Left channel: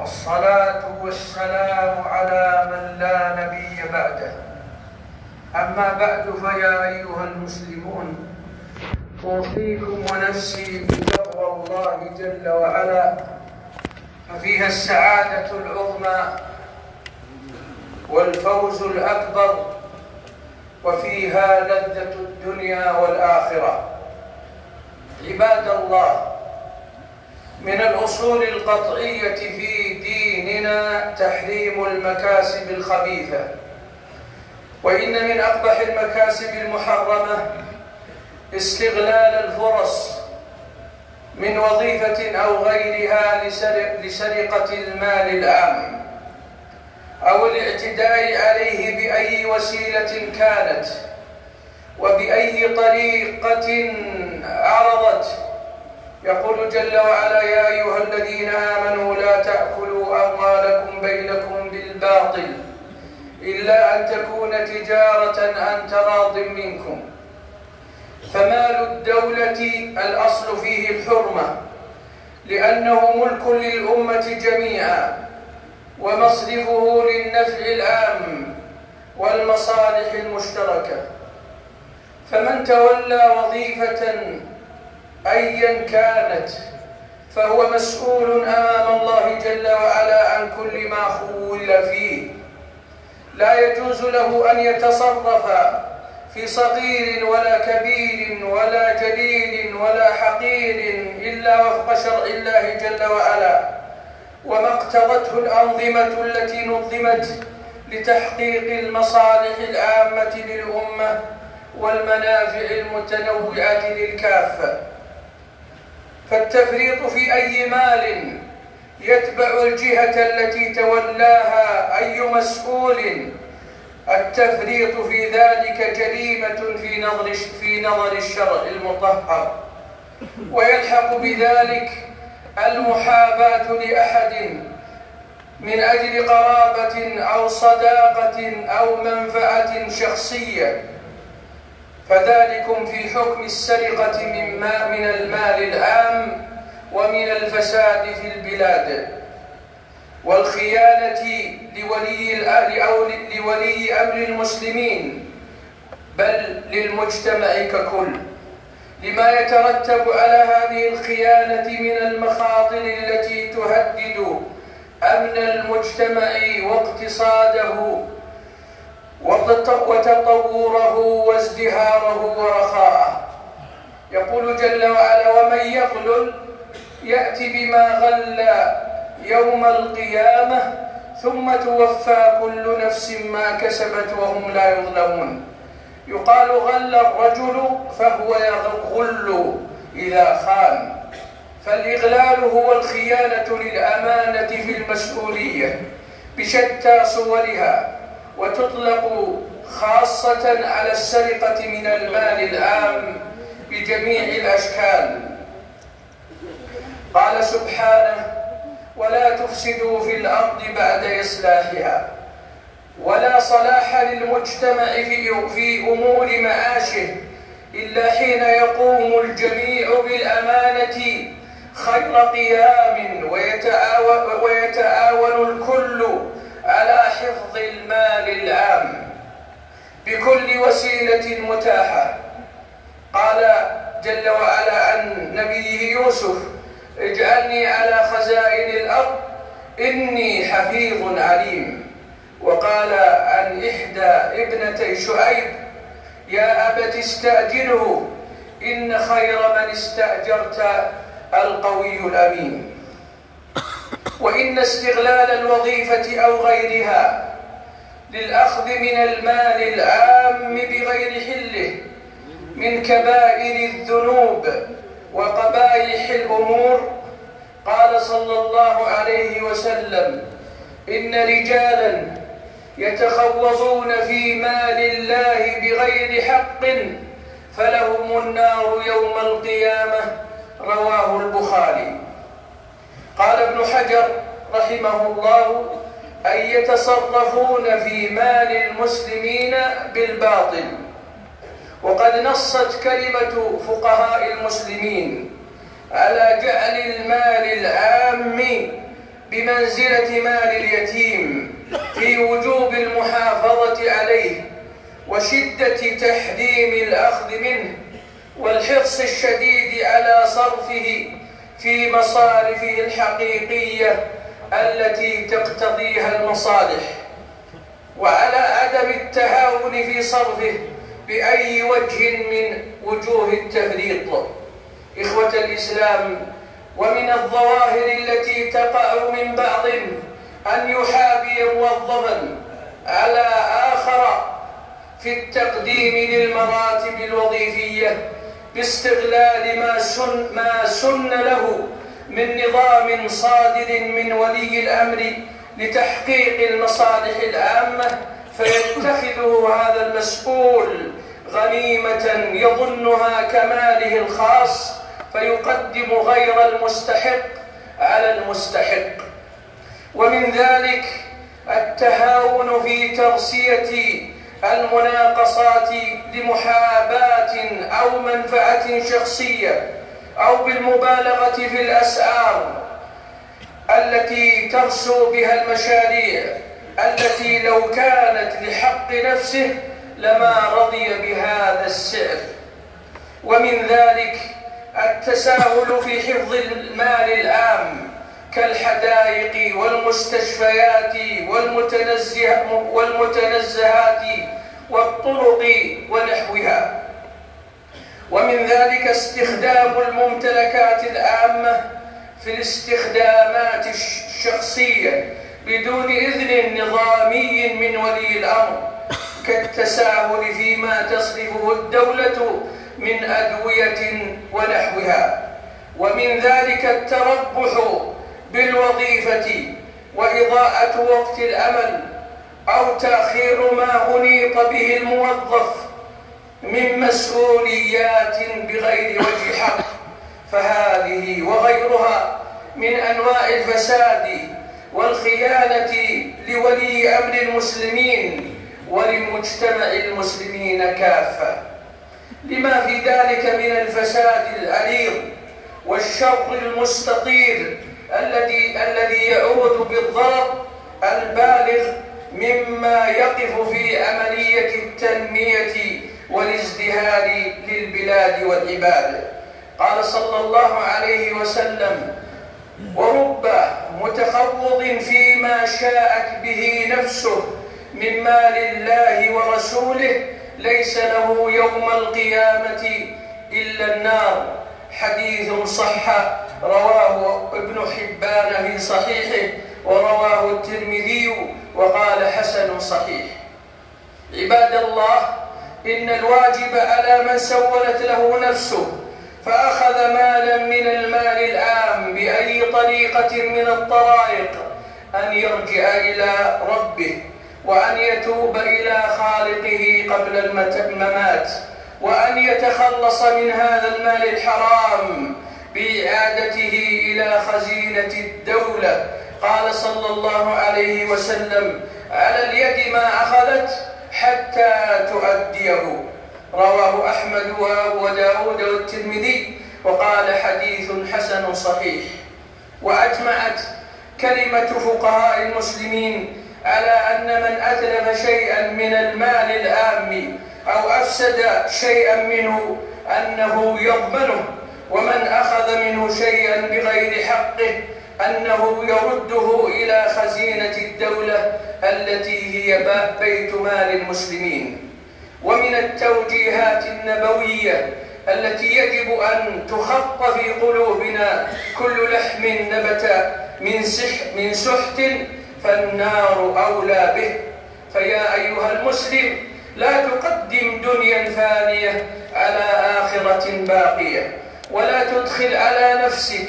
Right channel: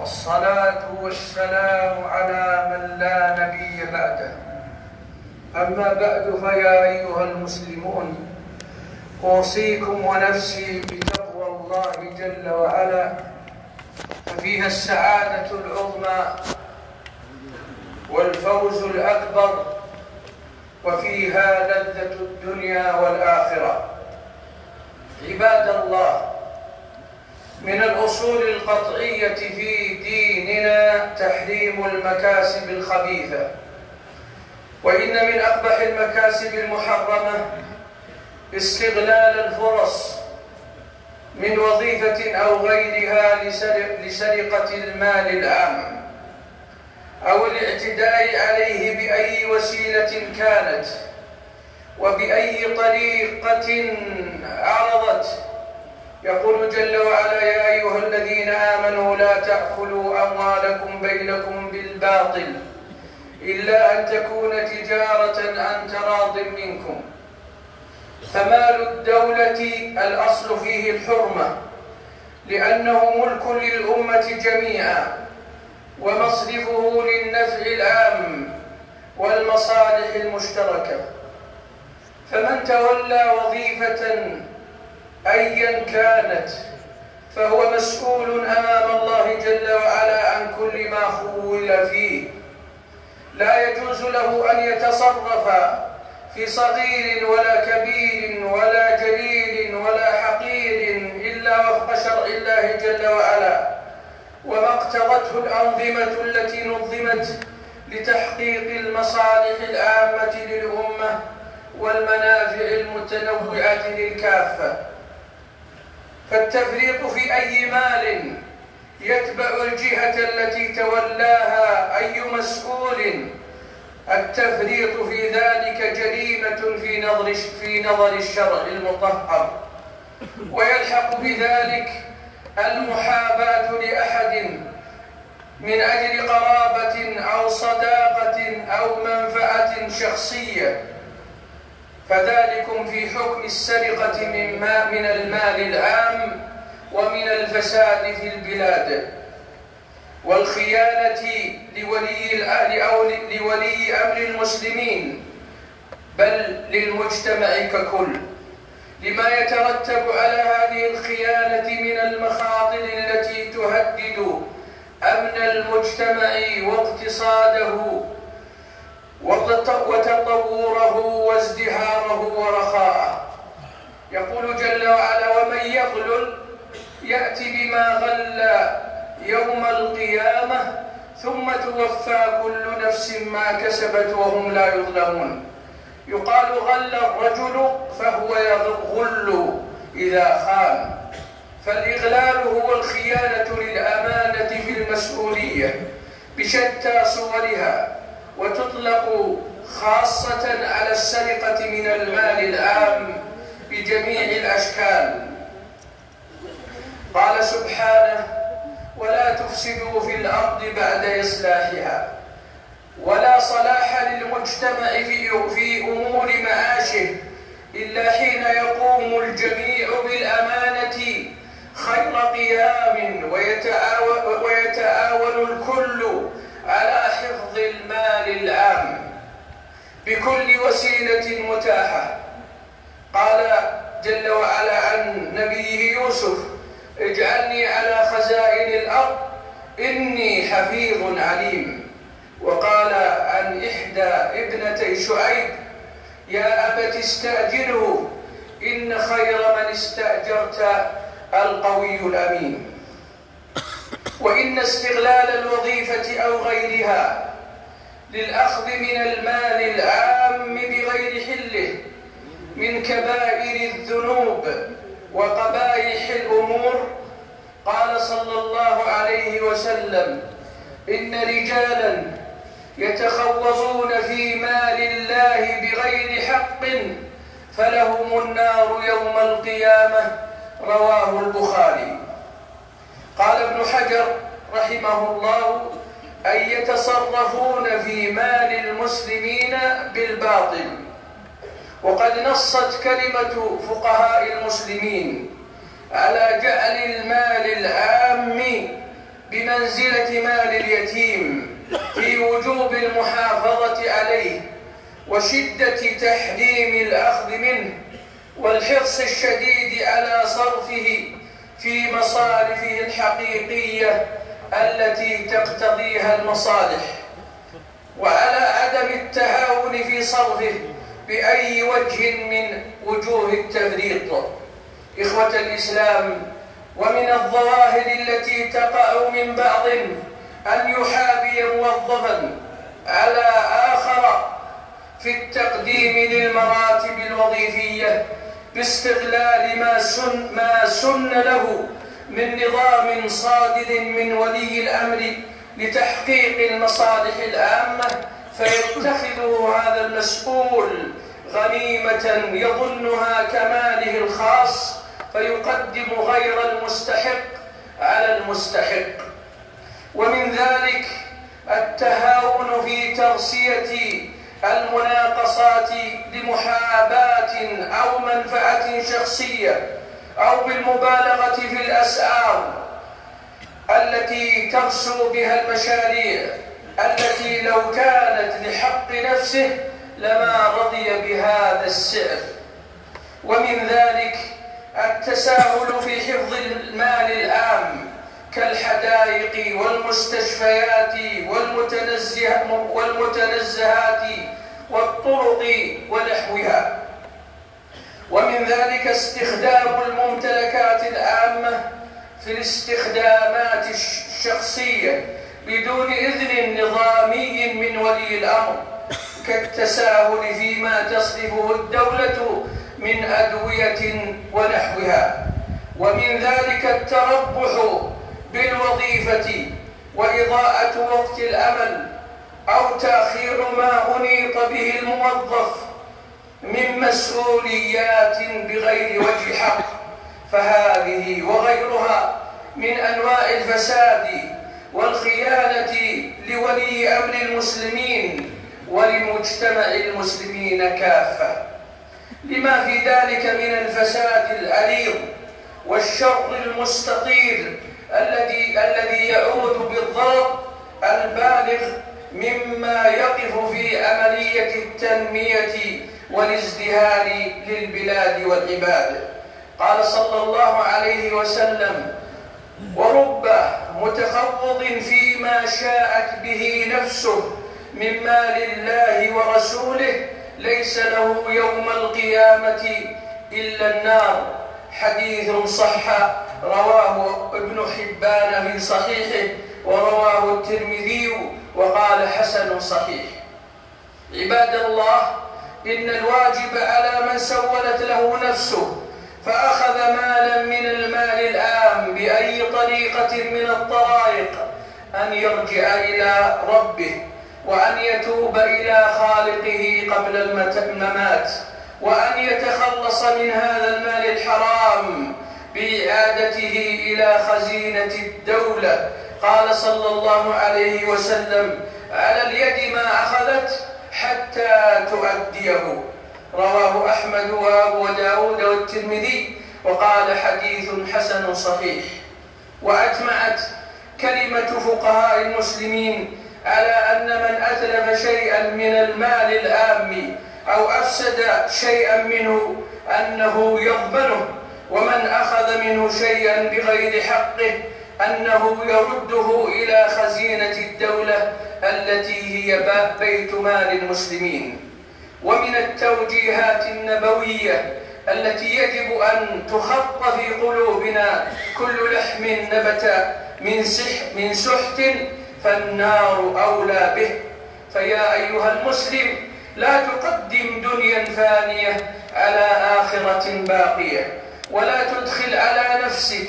والصلاة والسلام على من لا نبي بعده. أما بعد، فيا أيها المسلمون، أوصيكم ونفسي بتقوى الله جل وعلا، ففيها السعادة العظمى والفوز الأكبر، وفيها لذة الدنيا والآخرة. عباد الله، من الأصول القطعية في ديننا تحريم المكاسب الخبيثة، وإن من أقبح المكاسب المحرمة استغلال الفرص من وظيفة أو غيرها لسرقة المال العام أو الاعتداء عليه بأي وسيلة كانت وبأي طريقة عرضت. يقول جل وعلا: يا أيها الذين آمنوا لا تأكلوا أموالكم بينكم بالباطل إلا أن تكون تجارة عن تراض منكم. فمال الدولة الأصل فيه الحرمة، لأنه ملك للأمة جميعا، ومصرفه للنفع العام والمصالح المشتركة. فمن تولى وظيفة أيا كانت فهو مسؤول أمام الله جل وعلا عن كل ما خول فيه. لا يجوز له أن يتصرف في صغير ولا كبير ولا جليل ولا حقير إلا وفق شرع الله جل وعلا وما اقتضته الأنظمة التي نظمت لتحقيق المصالح العامة للأمة والمنافع المتنوعة للكافة. فالتفريط في أي مال يتبع الجهة التي تولاها أي مسؤول، التفريط في ذلك جريمة في نظر الشرع المطهر، ويلحق بذلك المحاباة لأحد من أجل قرابة أو صداقة أو منفعة شخصية، فذلكم في حكم السرقة من المال العام ومن الفساد في البلاد. والخيانة لولي الأهل أو لولي أمر المسلمين، بل للمجتمع ككل، لما يترتب على هذه الخيانة من المخاطر التي تهدد أمن المجتمع واقتصاده وتطوره وازدهاره ورخاءه. يقول جل وعلا: ومن يغلل يأتي بما غل يوم القيامة ثم توفى كل نفس ما كسبت وهم لا يظلمون. يقال غل الرجل فهو يغل إذا خان، فالإغلال هو الخيانة للأمانة في المسؤولية بشتى صورها، وتطلق خاصة على السرقة من المال العام بجميع الأشكال. قال سبحانه: ولا تفسدوا في الأرض بعد إصلاحها. ولا صلاح للمجتمع في أمور معاشه إلا حين يقوم الجميع بالأمانة خير قيام، ويتعاون الكل على حفظ المال العام بكل وسيلة متاحة. قال جل وعلا عن نبيه يوسف: اجعلني على خزائن الأرض إني حفيظ عليم. وقال عن إحدى ابنتي شعيب: يا أبت استأجره إن خير من استأجرت القوي الأمين. وإن استغلال الوظيفة أو غيرها للأخذ من المال العام بغير حله من كبائر الذنوب وقبائح الأمور. قال صلى الله عليه وسلم: إن رجالا يتخوضون في مال الله بغير حق فلهم النار يوم القيامة. رواه البخاري. قال ابن حجر رحمه الله: أن يتصرفون في مال المسلمين بالباطل. وقد نصت كلمة فقهاء المسلمين على جعل المال العام بمنزلة مال اليتيم في وجوب المحافظة عليه وشدة تحريم الأخذ منه والحرص الشديد على صرفه في مصارفه الحقيقية التي تقتضيها المصالح، وعلى عدم التهاون في صرفه بأي وجه من وجوه التفريط. إخوة الإسلام، ومن الظواهر التي تقع من بعض أن يحابي موظفا على آخر في التقديم للمراتب الوظيفية باستغلال ما سن له من نظام صادر من ولي الأمر لتحقيق المصالح العامة، فيتخذه هذا المسؤول غنيمة يظنها كماله الخاص، فيقدم غير المستحق على المستحق. ومن ذلك التهاون في ترسية المناقصات لمحاباة أو منفعة شخصية، أو بالمبالغة في الأسعار التي ترسو بها المشاريع التي لو كانت لحق نفسه لما رضي بهذا السعر. ومن ذلك التساهل في حفظ المال العام كالحدائق والمستشفيات والمتنزهات والطرق ونحوها. ومن ذلك استخدام الممتلكات العامة في الاستخدامات الشخصية بدون إذن نظامي من ولي الأمر، كالتساهل فيما تصرفه الدولة من أدوية ونحوها. ومن ذلك التربح بالوظيفة وإضاءة وقت العمل أو تأخير ما أنيط به الموظف من مسؤوليات بغير وجه حق، فهذه وغيرها من أنواع الفساد والخيانة لولي أمر المسلمين ولمجتمع المسلمين كافة، لما في ذلك من الفساد العريض والشر المستطير الذي يعود بالضرر البالغ مما يقف في عملية التنمية والازدهار للبلاد والعباد. قال صلى الله عليه وسلم: ورب متخوض فيما شاءت به نفسه من مال الله ورسوله ليس له يوم القيامة إلا النار. حديث صح، رواه ابن حبان في صحيحه، ورواه الترمذي وقال حسن صحيح. عباد الله، إن الواجب على من سولت له نفسه فأخذ مالا من المال العام بأي طريقة من الطرائق أن يرجع إلى ربه، وأن يتوب إلى خالقه قبل الممات، وأن يتخلص من هذا المال الحرام بإعادته إلى خزينة الدولة. قال صلى الله عليه وسلم: على اليد ما أخذت حتى تؤديه. رواه أحمد وأبو داود والترمذي وقال حديث حسن صحيح. وأجمعت كلمة فقهاء المسلمين على أن من أتلف شيئا من المال العام أو أفسد شيئا منه أنه يضمنه، ومن أخذ منه شيئا بغير حقه أنه يرده إلى خزينة الدولة التي هي بيت مال المسلمين. ومن التوجيهات النبوية التي يجب أن تخط في قلوبنا: كل لحم نبت من سحت فالنار أولى به. فيا أيها المسلم، لا تقدم دنيا فانية على آخرة باقية، ولا تدخل على نفسك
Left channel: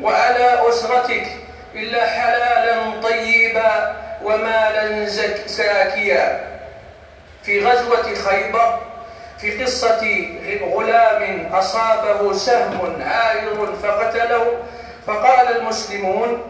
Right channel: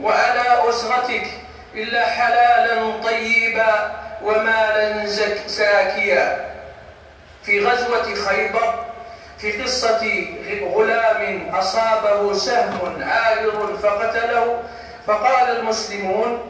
وعلى أسرتك إلا حلالا طيبا ومالا زاكيا. في غزوة خيبر في قصة غلام أصابه سهم عارض فقتله، فقال المسلمون:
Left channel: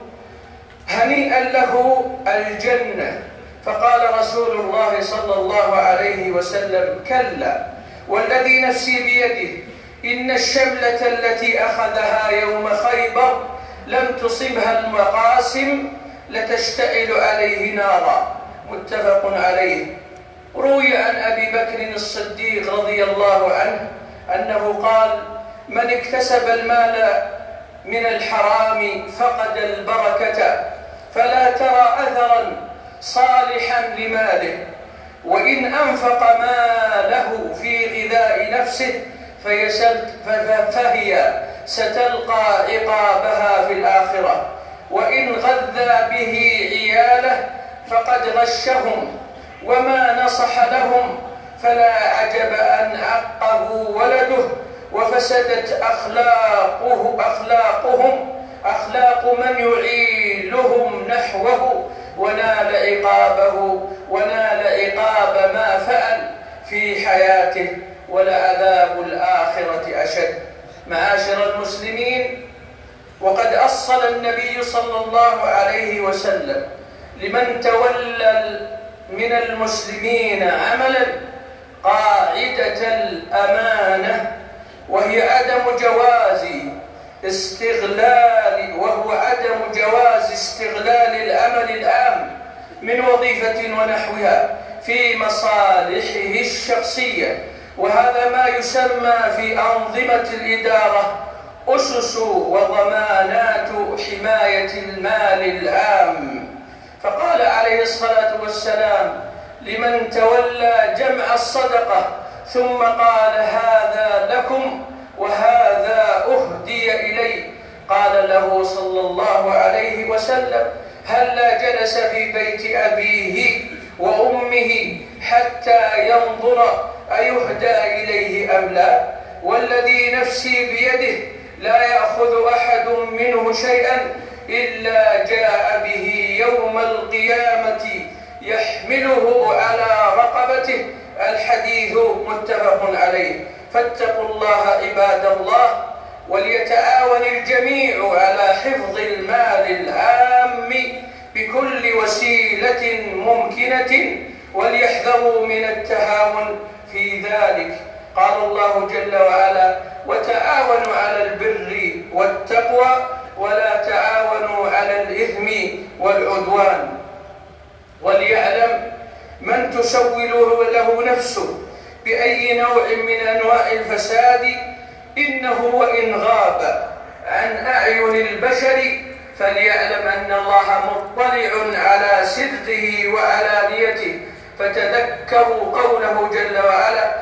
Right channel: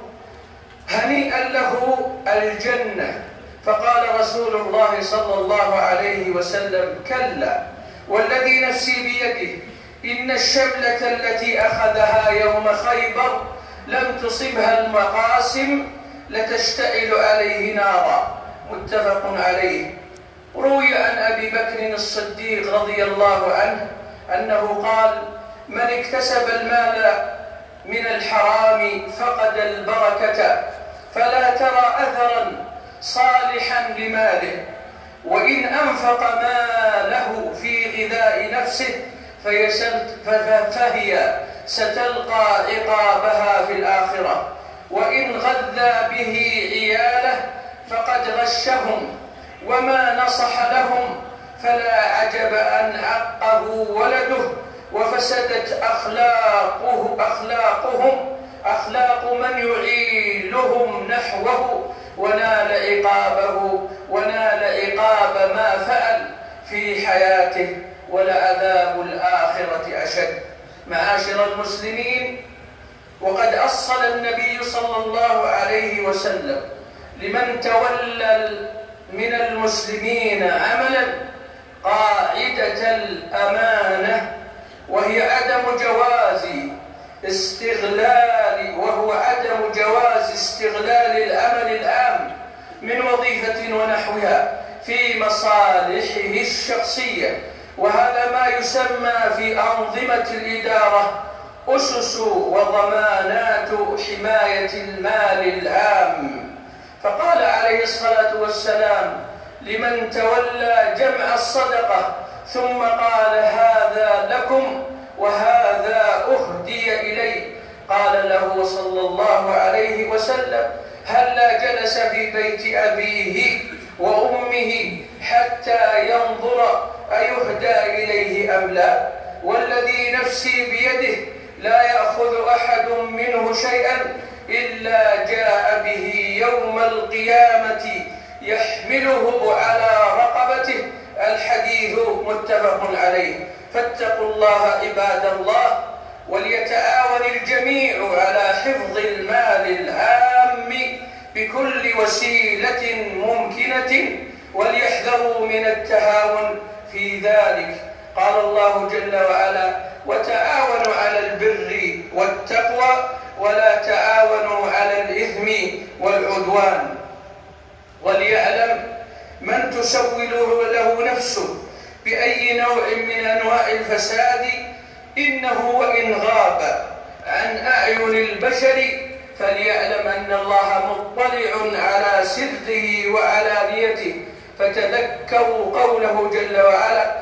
هنيئا له الجنة. فقال رسول الله صلى الله عليه وسلم: كلا، والذي نفسي بيده إن الشملة التي أخذها يوم خيبر لم تصبها المقاسم لتشتعل عليه نارا. متفق عليه. روي عن أبي بكر الصديق رضي الله عنه أنه قال: من اكتسب المال من الحرام فقد البركة، فلا ترى أثرا صالحا لماله، وإن أنفق ماله في غذاء نفسه فهي ستلقى عقابها في الآخرة، وإن غذى به عياله فقد غشهم، وما نصح لهم فلا عجب أن عقه ولده وفسدت أخلاق من يعيلهم نحوه، ونال عقاب ما فعل في حياته، ولعذاب الآخرة أشد. معاشر المسلمين، وقد أصل النبي صلى الله عليه وسلم لمن تولى من المسلمين عملا قاعدة الأمانة، وهي عدم جواز استغلال العمل العام من وظيفة ونحوها في مصالحه الشخصية. وهذا ما يسمى في أنظمة الإدارة أسس وضمانات حماية المال العام. فقال عليه الصلاة والسلام لمن تولى جمع الصدقة ثم قال: هذا لكم وهذا أهدي إلي، قال له صلى الله عليه وسلم: هلا جلس في بيت أبيه وأمه حتى ينظر أيهدى إليه أم لا؟ والذي نفسي بيده لا يأخذ أحد منه شيئا إلا جاء به يوم القيامة يحمله على رقبته. الحديث متفق عليه. فاتقوا الله عباد الله، وليتعاون الجميع على حفظ المال العام بكل وسيلة ممكنة، وليحذروا من التهاون في ذلك. قال الله جل وعلا: وتعاونوا على البر والتقوى ولا تعاونوا على الإثم والعدوان. وليعلم من تسول له نفسه بأي نوع من أنواع الفساد إنه وإن غاب عن أعين البشر فليعلم أن الله مطلع على سره وعلانيته. فتذكروا قوله جل وعلا:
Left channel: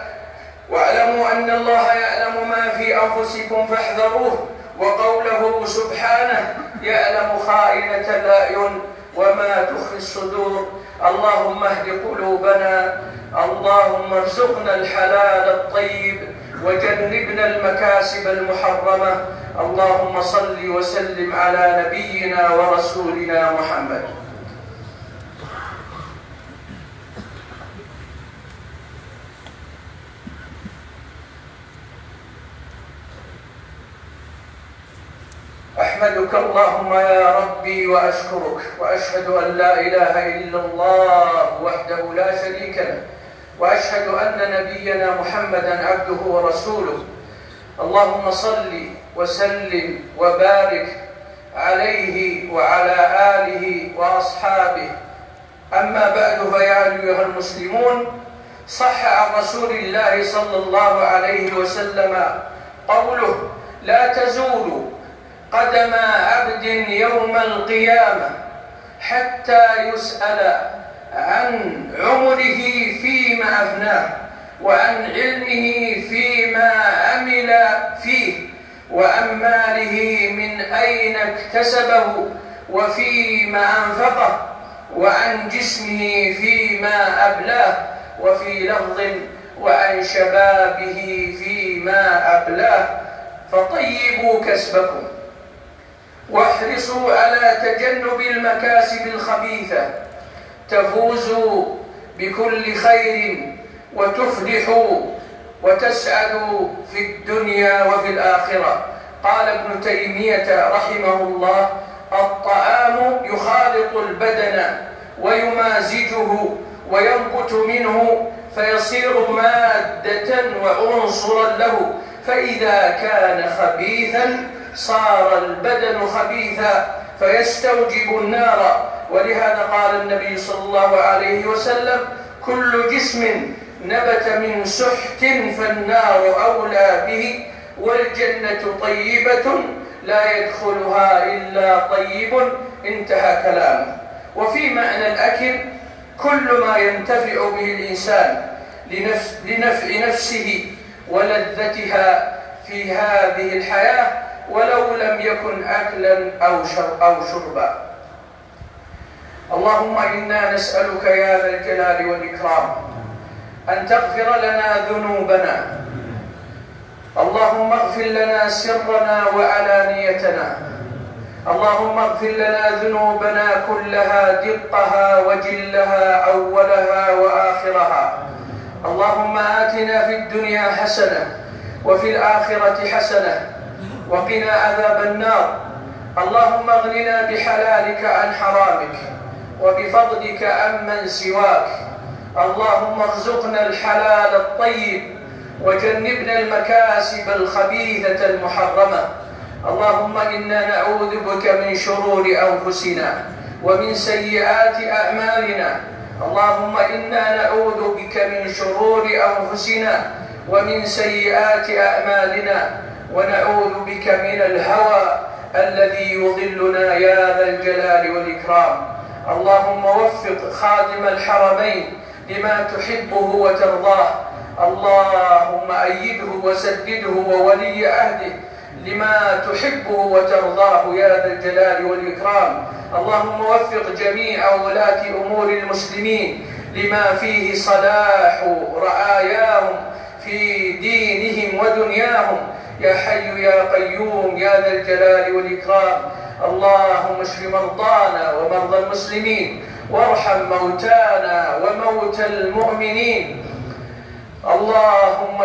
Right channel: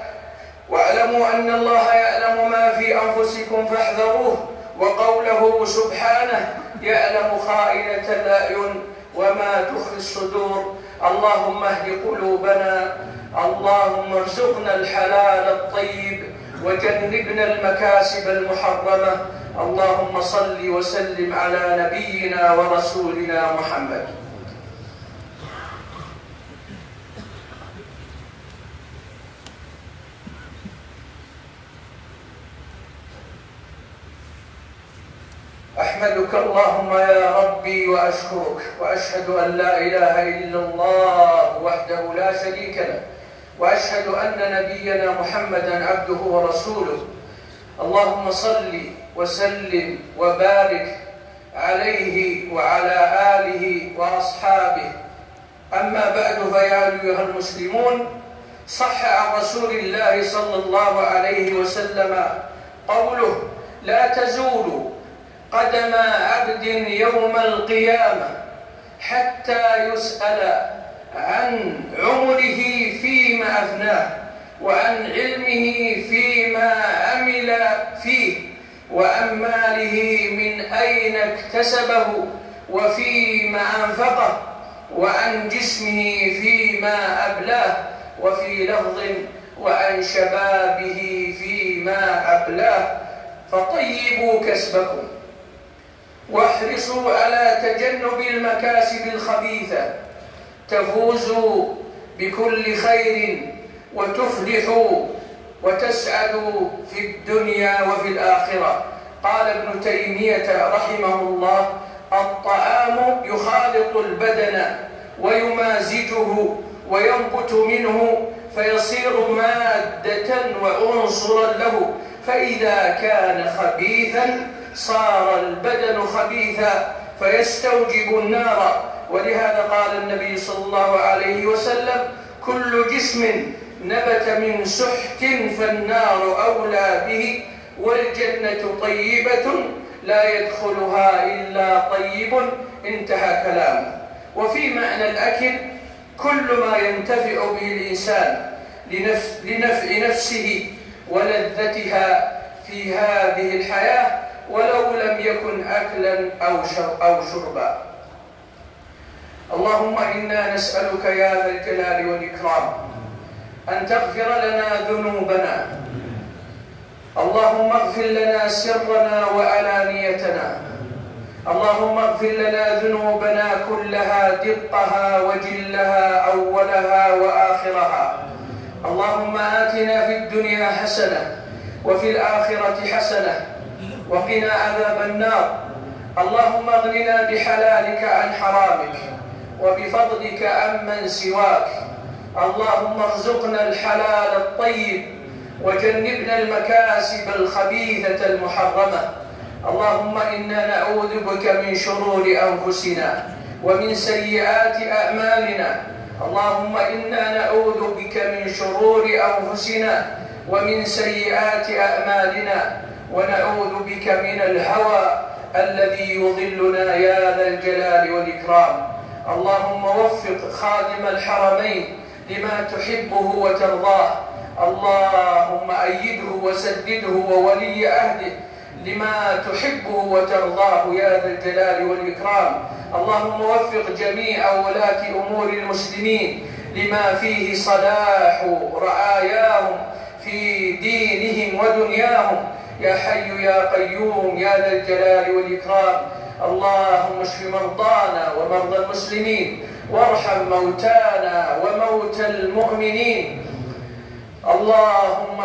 واعلموا أن الله يعلم ما في أنفسكم فاحذروه، وقوله سبحانه: يعلم خائنة الأعين وما تخفي الصدور. اللهم اهد قلوبنا، اللهم ارزقنا الحلال الطيب وجنبنا المكاسب المحرمة. اللهم صل وسلم على نبينا ورسولنا محمد. أحمدك اللهم يا ربي وأشكرك، وأشهد أن لا إله إلا الله وحده لا شريك له، وأشهد أن نبينا محمدا عبده ورسوله. اللهم صل وسلم وبارك عليه وعلى آله وأصحابه. أما بعد، فيا أيها المسلمون، صح عن رسول الله صلى الله عليه وسلم قوله: لا تزول قدم عبد يوم القيامة حتى يسأل عن عمره فيما أفناه، وعن علمه فيما عمل فيه، وعن ماله من أين اكتسبه وفيما أنفقه، وعن جسمه فيما أبلاه، وفي لفظ: وعن شبابه فيما أبلاه. فطيبوا كسبكم واحرصوا على تجنب المكاسب الخبيثة، تفوزوا بكل خير وتفلحوا وتسعدوا في الدنيا وفي الآخرة. قال ابن تيمية رحمه الله: الطعام يخالط البدن ويمازجه وينبت منه فيصير مادة وعنصرا له، فإذا كان خبيثا صار البدن خبيثا فيستوجب النار. ولهذا قال النبي صلى الله عليه وسلم: كل جسم نبت من سحت فالنار أولى به، والجنة طيبة لا يدخلها إلا طيب. انتهى كلامه. وفي معنى الأكل كل ما ينتفع به الإنسان لنفع نفسه ولذتها في هذه الحياة، ولو لم يكن أكلا أو شربا. اللهم إنا نسألك يا ذا الجلال والإكرام أن تغفر لنا ذنوبنا. اللهم اغفر لنا سرنا وعلانيتنا. اللهم اغفر لنا ذنوبنا كلها، دقها وجلها، أولها وآخرها. اللهم آتنا في الدنيا حسنة وفي الآخرة حسنة وقنا عذاب النار. اللهم اغننا بحلالك عن حرامك وبفضلك عمن سواك. اللهم ارزقنا الحلال الطيب وجنبنا المكاسب الخبيثة المحرمة. اللهم إنا نعوذ بك من شرور أنفسنا ومن سيئات أعمالنا. اللهم إنا نعوذ بك من شرور أنفسنا ومن سيئات أعمالنا، ونعوذ بك من الهوى الذي يضلنا يا ذا الجلال والإكرام. اللهم وفق خادم الحرمين لما تحبه وترضاه. اللهم أيده وسدده وولي عهده لما تحبه وترضاه يا ذا الجلال والإكرام. اللهم وفق جميع ولاة أمور المسلمين لما فيه صلاح رعاياهم في دينهم ودنياهم يا حي يا قيوم يا ذا الجلال والإكرام. اللهم اشف مرضانا ومرضى المسلمين، وارحم موتانا وموتى المؤمنين. اللهم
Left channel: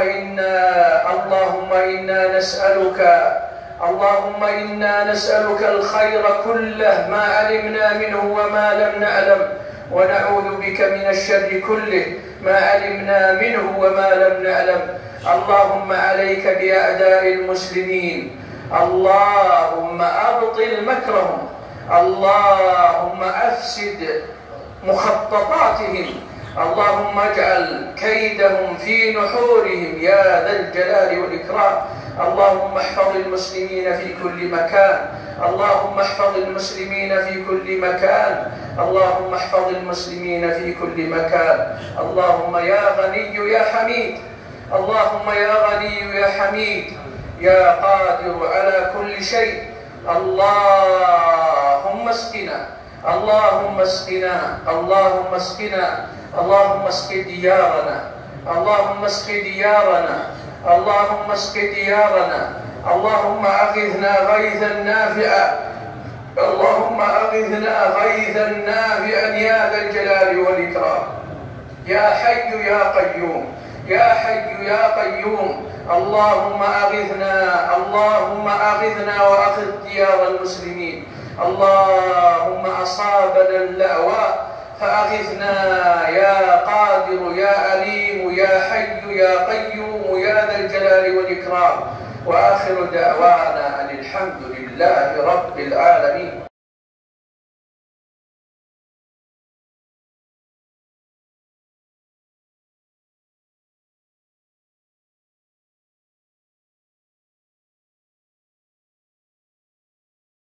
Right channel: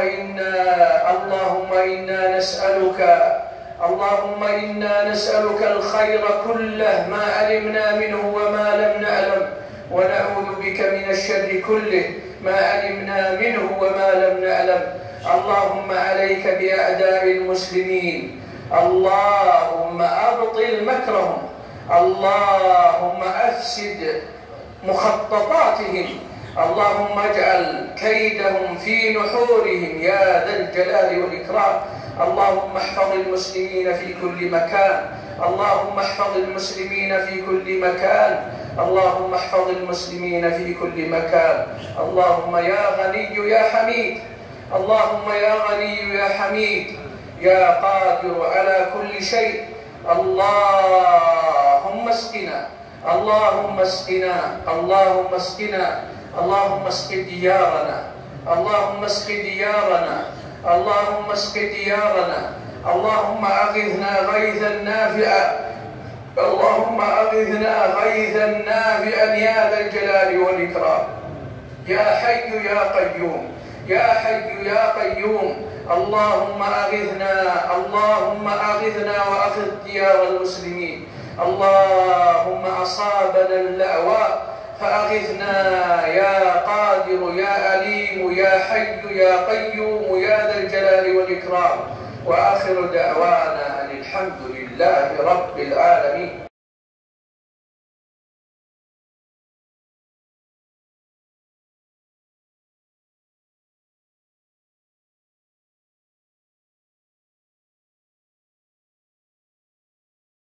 إنا نسألك الخير كله ما علمنا منه وما لم نعلم، ونعوذ بك من الشر كله ما علمنا منه وما لم نعلم. اللهم عليك بأعداء المسلمين، اللهم أبطل مكرهم، اللهم أفسد مخططاتهم، اللهم اجعل كيدهم في نحورهم يا ذا الجلال والإكرام. اللهم احفظ المسلمين في كل مكان، اللهم احفظ المسلمين في كل مكان، اللهم احفظ المسلمين في كل مكان. اللهم يا غني يا حميد، اللهم يا غني يا حميد يا قادر على كل شيء، اللهم اسقنا، اللهم اسقنا، اللهم اسقنا، اللهم اسق ديارنا، اللهم اسق ديارنا، اللهم اسق ديارنا، اللهم أغثنا غيثا نافعا، اللهم أغثنا غيثا نافعا يا ذا الجلال والإكرام. يا حي يا قيوم، يا حي يا قيوم، اللهم أغثنا، اللهم أغثنا وأغث ديار المسلمين. اللهم أصابنا اللأواء فأغثنا يا قادر يا أليم يا حي يا قيوم يا ذا الجلال والإكرام. وآخر دعوانا أن الحمد لله رب العالمين.